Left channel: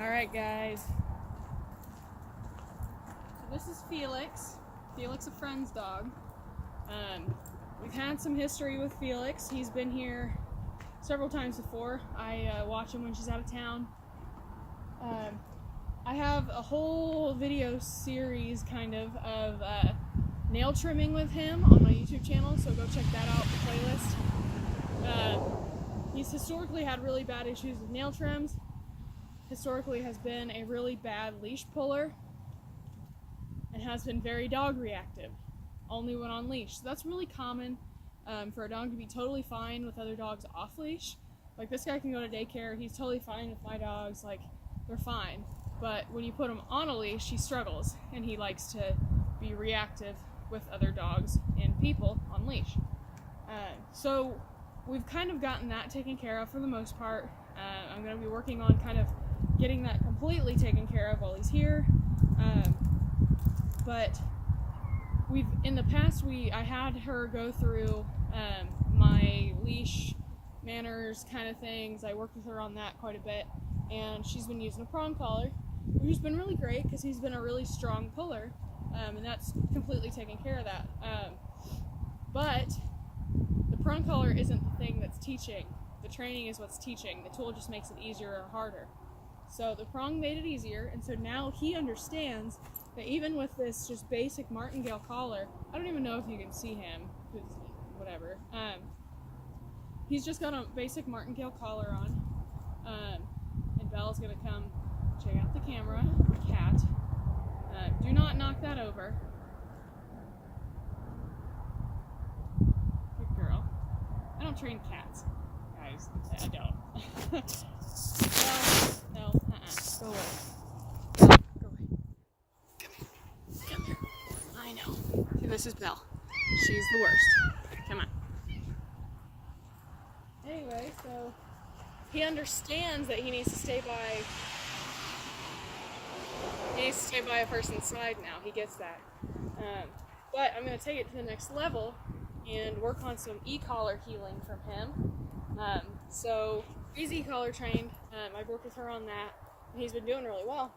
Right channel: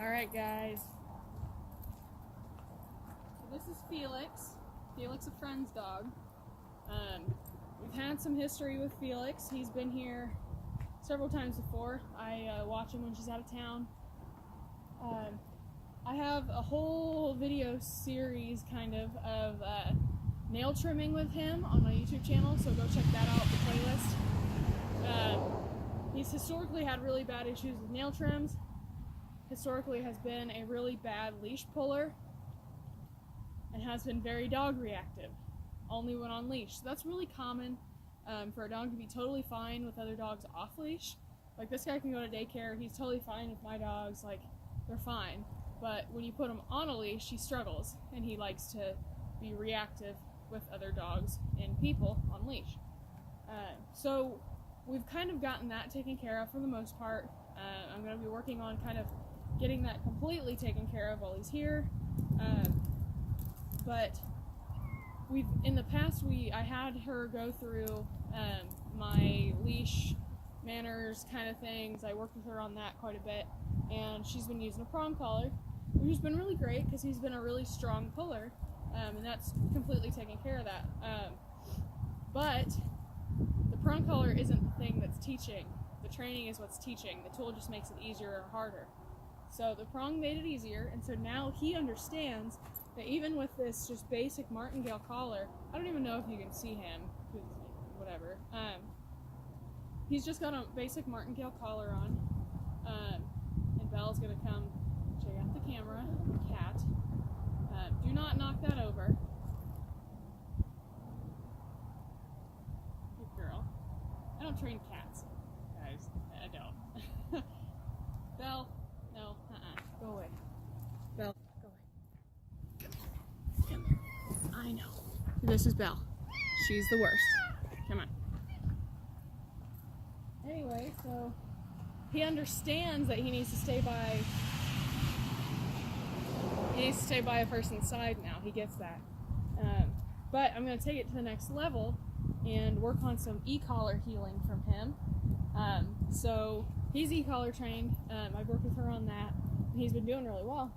Alright guys, so this is Felix. Felix, a friend's dog. We've had some history with Felix. He's been here several times before. I watch him when she's out of town. I have a whole video series kind of nail trimming with him on my YouTube channel, so go check that out, the playlist. He's historically had really bad issues with nail trims. Historically has been a really bad leash puller and has been very dog reactive, only when on leash. So that's really common for a dog to be totally fine with other dogs off leash. Like this guy can go to daycare, he's totally fine with my dogs, like they're fine. But when you put him on a leash, he struggles and he likes to be reactive with other dogs and people on leash. So we've kind of gotten that taken care of for the most part. I'm going to be working on kind of getting that completely taken care of while he's here. But in the past, I had her go through my leash manners kind of things. I worked with her on that quite a bit, and she's been using a prong collar, which has been really great because he's been a really strong puller, and that's completely taken care of that. But the prong collar isn't the thing that's teaching. The training is what's teaching. The tool just makes it easier or harder. So the prong made it easier, and so now he understands that even with this just basic martingale collar, I don't even know if you can see him, because whatever. He's just got a basic martingale collar on, and Belle's gonna come check out the camera, my cat. Do not knock that over. Good girl. I don't train cats, guys. I don't. Well, no, go away. Belle, go away. Come here. Come here. I know. See, this is Belle. She's the worst. Come on. Anyway, so he understands that he needs to stay by a person's side now. He gets that. But I'm going to take it to the next level and work on some e-collar healing from him. So he's e-collar trained. I've worked with her on that, and he's been doing really well.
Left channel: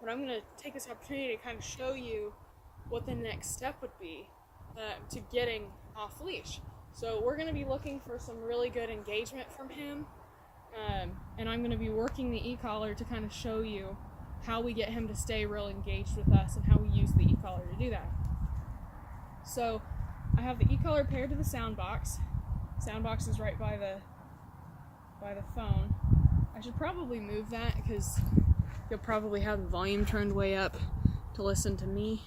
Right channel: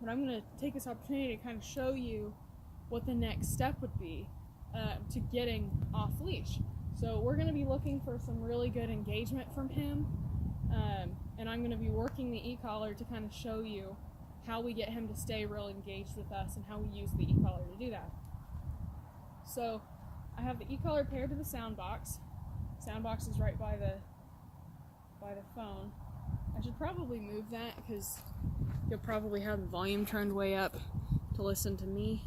But I'm going to take this opportunity to kind of show you what the next step would be to getting off leash. So we're going to be looking for some really good engagement from him, and I'm going to be working the e-collar to kind of show you how we get him to stay real engaged with us and how we use the e-collar to do that. So I have the e-collar paired to the sound box. Sound box is right by the phone. I should probably move that because you'll probably have the volume turned way up to listen to me.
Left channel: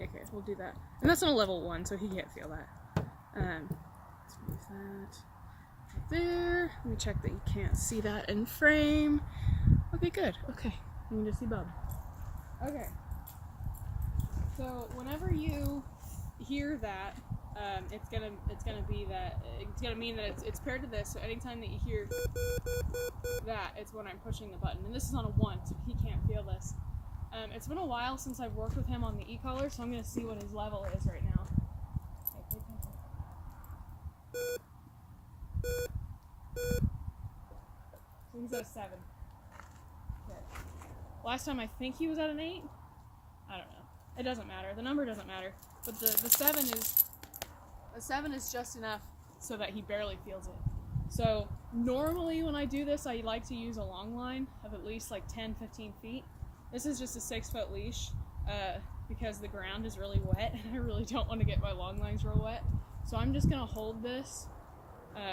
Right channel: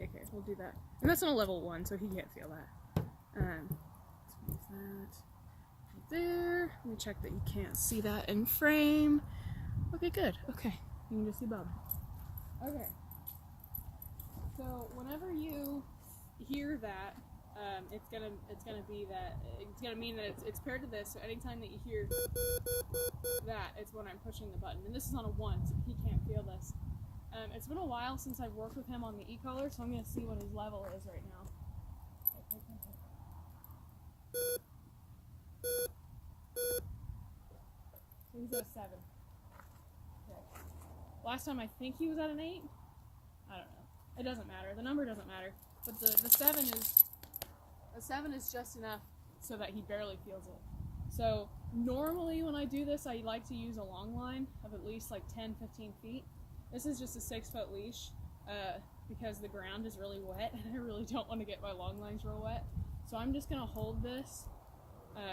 Okay, we'll do that. And that's on a level 1, so he can't feel that. Let's move that right there. Let me check that you can't see that in frame. Okay, good. Okay, you can just see Bub. Okay. So whenever you hear that, it's gonna mean that it's paired to this. So anytime that you hear that, it's when I'm pushing the button. And this is on a 1, so he can't feel this. It's been a while since I've worked with him on the e-collar, so I'm gonna see what his level is right now. Okay, pay attention. So he's at a 7. Okay. Last time I think he was at an 8. I don't know. It doesn't matter. The number doesn't matter. But the 7 is just enough so that he barely feels it. So normally when I do this, I like to use a long line of at least like 10-15 feet. This is just a 6-foot leash because the ground is really wet and I really don't want to get my long lines real wet. So I'm just going to hold this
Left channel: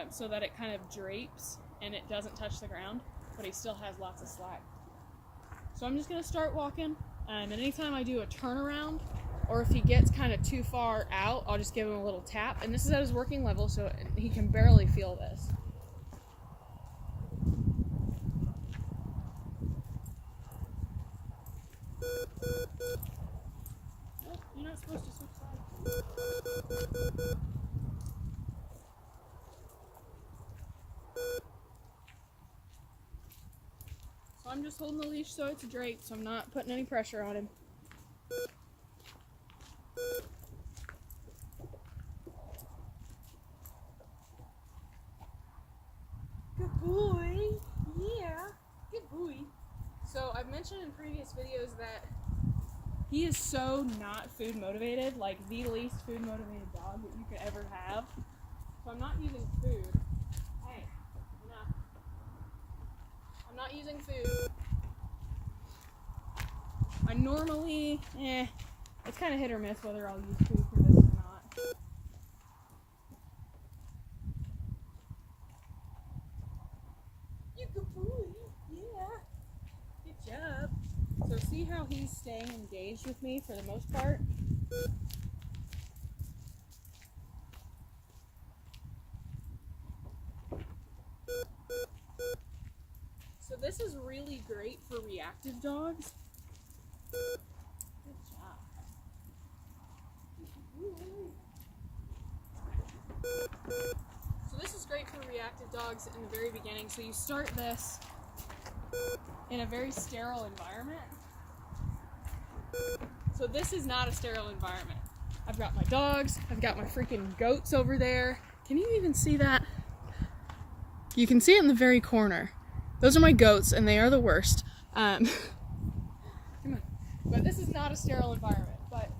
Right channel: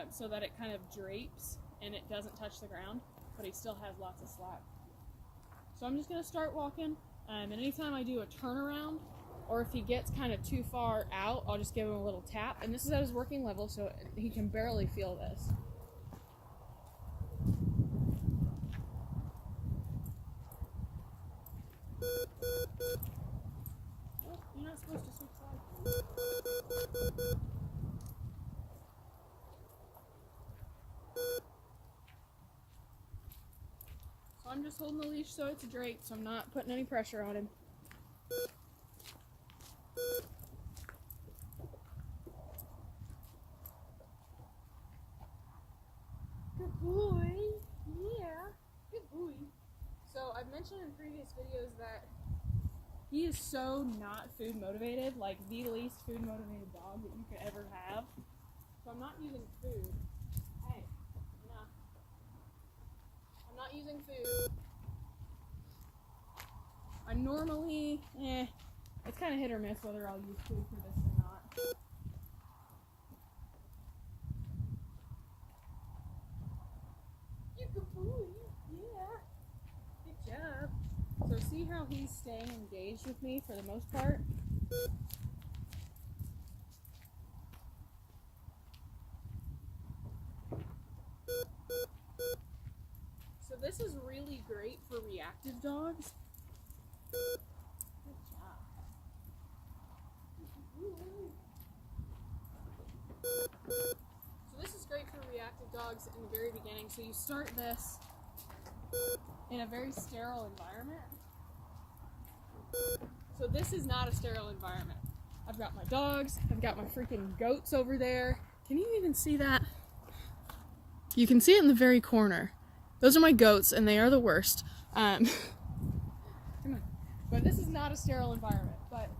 so that it kind of drapes and it doesn't touch the ground, but he still has lots of slack. So I'm just going to start walking, and anytime I do a turnaround, or if he gets kind of too far out, I'll just give him a little tap. And this is at his working level, so he can barely feel this. Nope, you're not supposed to switch sides. So I'm just holding the leash so it's draped, so I'm not putting any pressure on him. in previous videos that he is so not food motivated, like the least food motivated dog that you could ever have. So I'm not using food. Hey, enough. I'm not using food. I normally, it's kind of hit or miss whether I'll use food for this or not. You good boy, yeah. Good job. So see how he's staying engaged with me for the most part? So this is really great for reactive dogs. Good job. So this is great for reactive dogs in the very beginning. So you start this in a very sterile environment. So this is not a sterile environment. I've got my dogs, I've got my freaking goats over there. Can you even see that? You can see it in the very corner. Those are my goats, and they are the worst. But this is not a sterile environment. But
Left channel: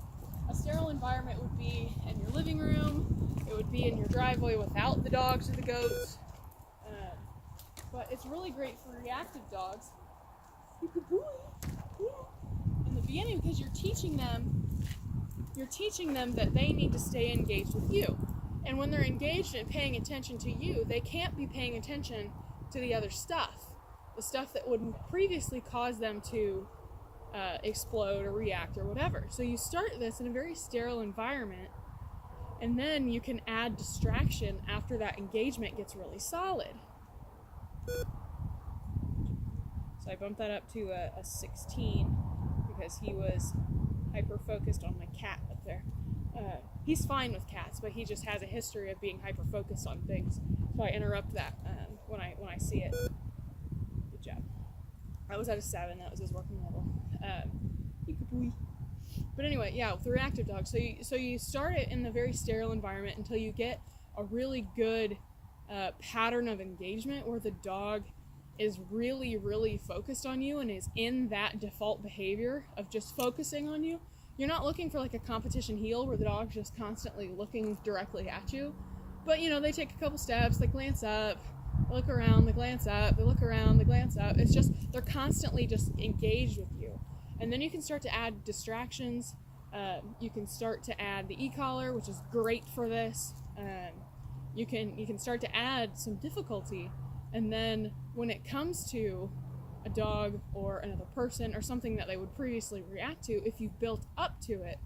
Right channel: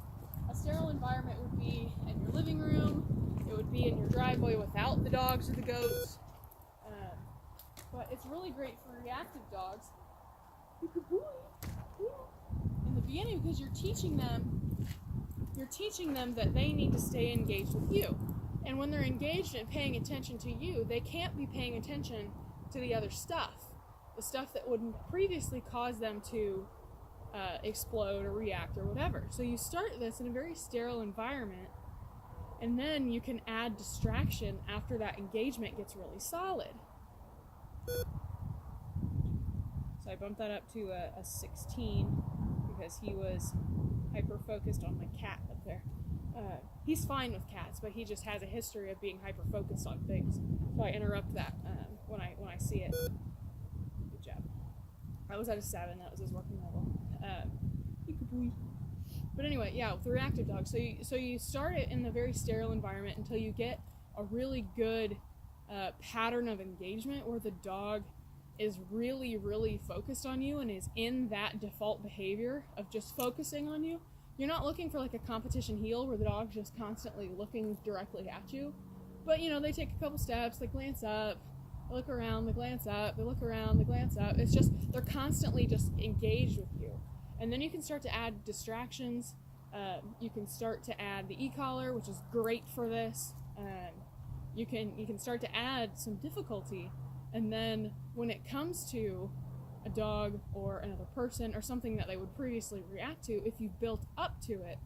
a sterile environment would be in your living room. It would be in your driveway without the dogs or the goats. But it's really great for reactive dogs. You good boy. Yeah. In the beginning, because you're teaching them that they need to stay engaged with you. And when they're engaged and paying attention to you, they can't be paying attention to the other stuff. The stuff that would previously cause them to explode or react or whatever. So you start this in a very sterile environment, and then you can add distraction after that engagement gets really solid. So I bumped that up to a 16 because he was hyper-focused on my cat up there. He's fine with cats, but he just has a history of being hyper-focused on things. So I interrupt that when I see it. Good job. I was at a 7. That was his working level. But anyway, yeah, with the reactive dog. So you start it in the very sterile environment until you get a really good pattern of engagement where the dog is really, really focused on you and is in that default behavior of just focusing on you. You're not looking for like a competition heel where the dog's just constantly looking directly at you. But they take a couple steps, they glance up, they look around, they glance up, they look around, they glance up. It's just, they're constantly just engaged with you. And then you can start to add distractions. You can start to add the e-collar, which is great for this. You can start to add some difficulty. And then when it comes to a dog or another person or something that they would previously react to, if you built up to it,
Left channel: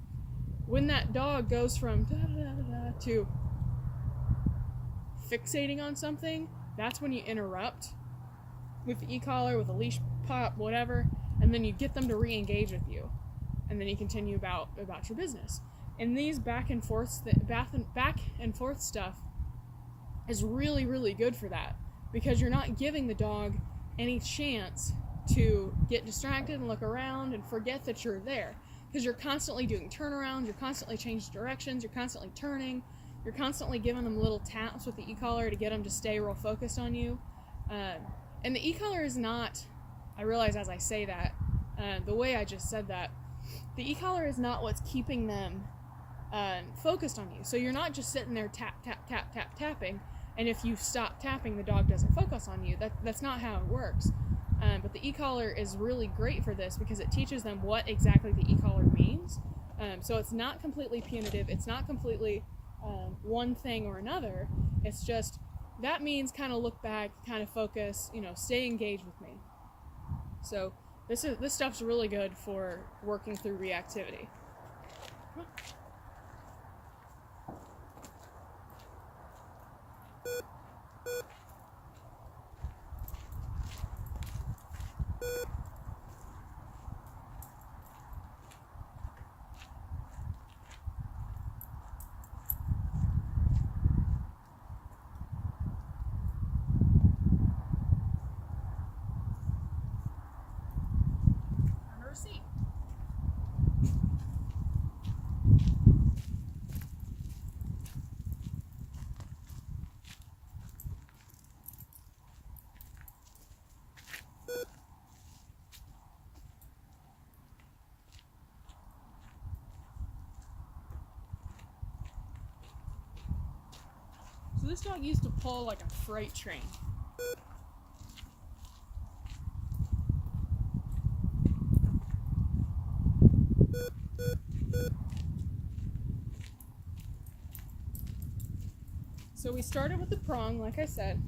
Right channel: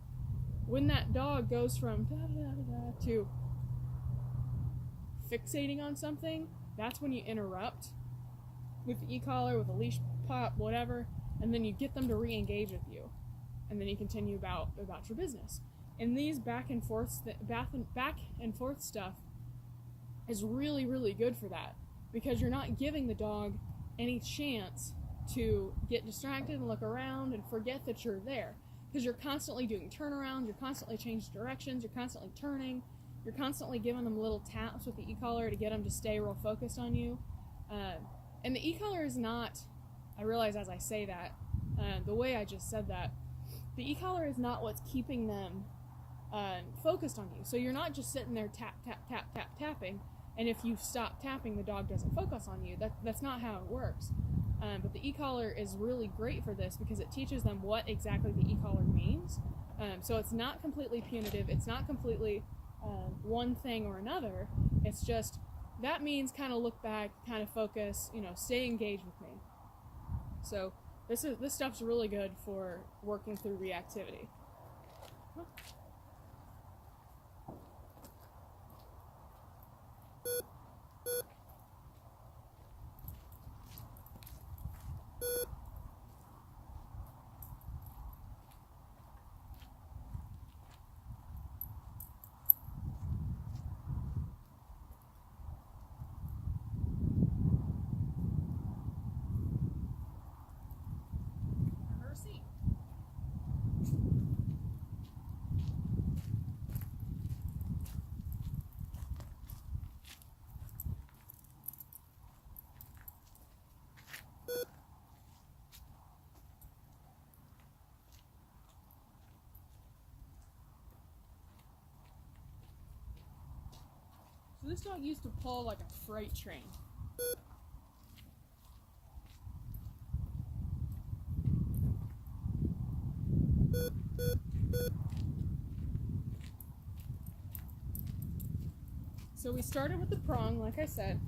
when that dog goes from da-da-da-da-da to fixating on something, that's when you interrupt with the e-collar, with a leash pop, whatever, and then you get them to re-engage with you. And then you continue about your business. And these back and forth stuff is really, really good for that, because you're not giving the dog any chance to get distracted and look around and forget that you're there, because you're constantly doing turnarounds, you're constantly changing directions, you're constantly turning, you're constantly giving them little taps with the e-collar to get them to stay real focused on you. And the e-collar is not, I realize as I say that, the way I just said that, the e-collar is not what's keeping them focused on you. So you're not just sitting there tap, tap, tap, tap, tapping, and if you stop tapping, the dog doesn't focus on you. That's not how it works. But the e-collar is really great for this because it teaches them what exactly the e-collar means. So it's not completely punitive. It's not completely one thing or another. It's just, that means kind of look back, kind of focus, stay engaged with me. So this stuff's really good for working through reactivity. Come on. Under a seat. this dog used to pull like a freight train. So we started with the prong, like I said,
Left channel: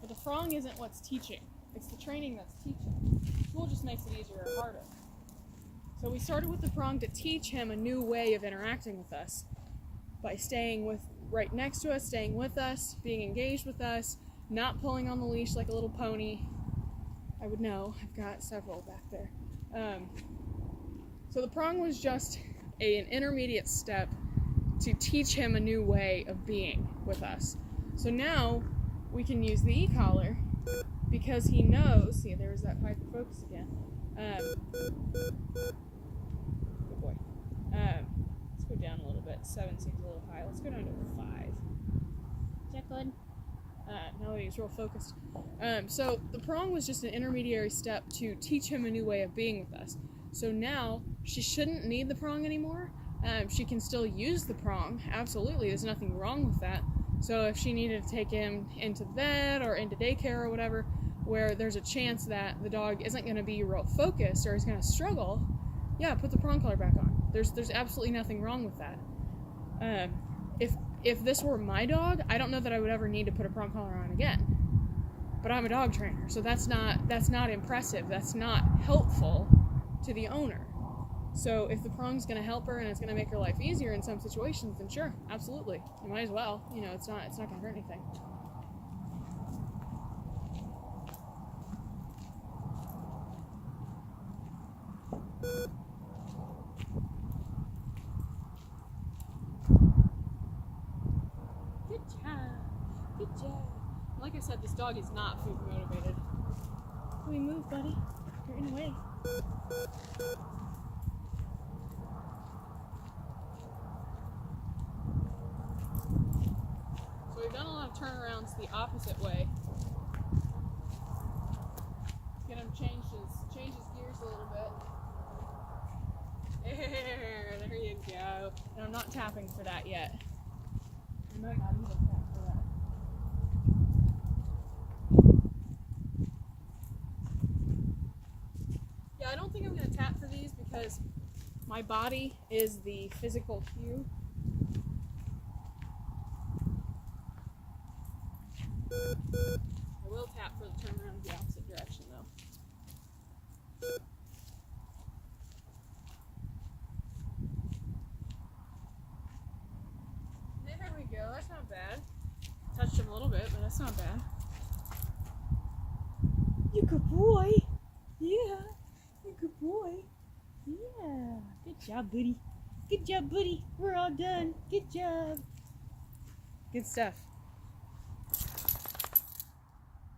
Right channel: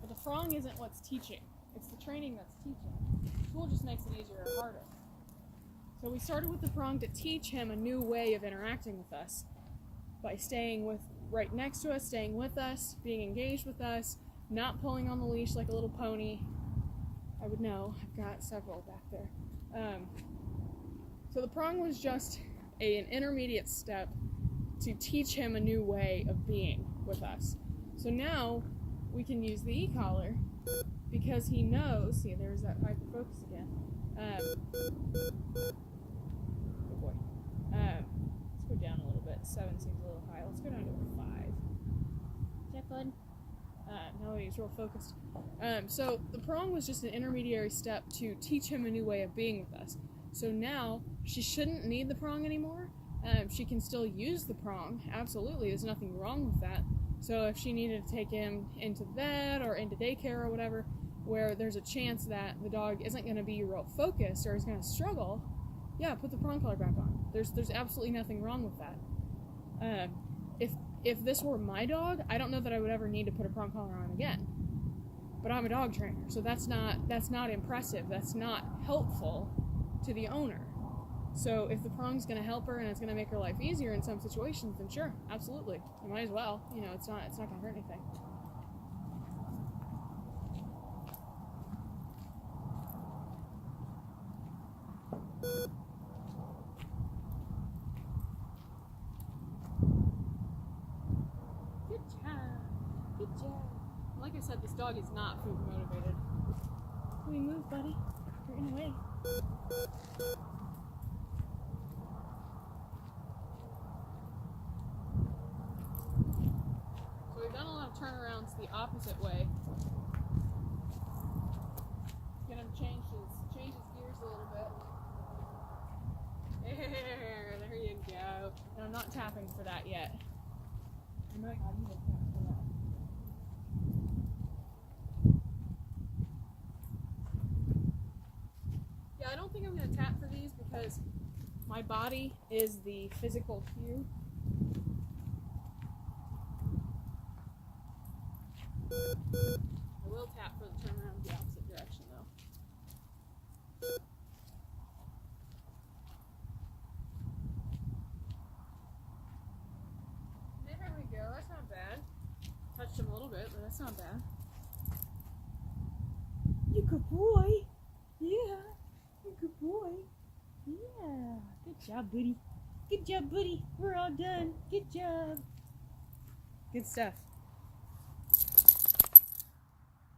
but the prong isn't what's teaching. It's the training that's teaching. School just makes it easier or harder. So we started with the prong to teach him a new way of interacting with us by staying right next to us, staying with us, being engaged with us, not pulling on the leash like a little pony. I would know. I've got several back there. So the prong was just an intermediate step to teach him a new way of being with us. So now we can use the e-collar because he knows, see, there's that hyper-focus again. Good boy. Let's go down a little bit. 7 seems a little high. Let's go down to 5. Is that good? Now that he's real focused. So the prong was just an intermediary step to teach him a new way of being with us. So now she shouldn't need the prong anymore. She can still use the prong, absolutely, there's nothing wrong with that. So if she needed to take him into the vet or into daycare or whatever, where there's a chance that the dog isn't going to be real focused or is going to struggle, yeah, put the prong collar back on. There's absolutely nothing wrong with that. If this were my dog, I don't know that I would ever need to put a prong collar on again. But I'm a dog trainer, so that's not impressive, that's not helpful to the owner. So if the prong's going to help her and it's going to make her life easier in some situations, then sure, absolutely. You might as well. You know, it's not going to hurt anything. Good job. Good job. Like I said, this dog is not food motivated. Let me move, buddy. You're in the way. So we've done a lot of turnarounds the opposite way. Get him change his gears a little bit. There you go. And I'm not tapping for that yet. I might not even tap for that. Yeah, I don't think I'm going to tap for these because my body is the physical cue. I will tap for the turnaround the opposite direction though. There we go, that's not bad. Touched him a little bit, but that's not bad. You good boy. Yeah, you good boy. Yeah, good job, buddy. Good job, buddy. We're all done. Good job. Good stuff.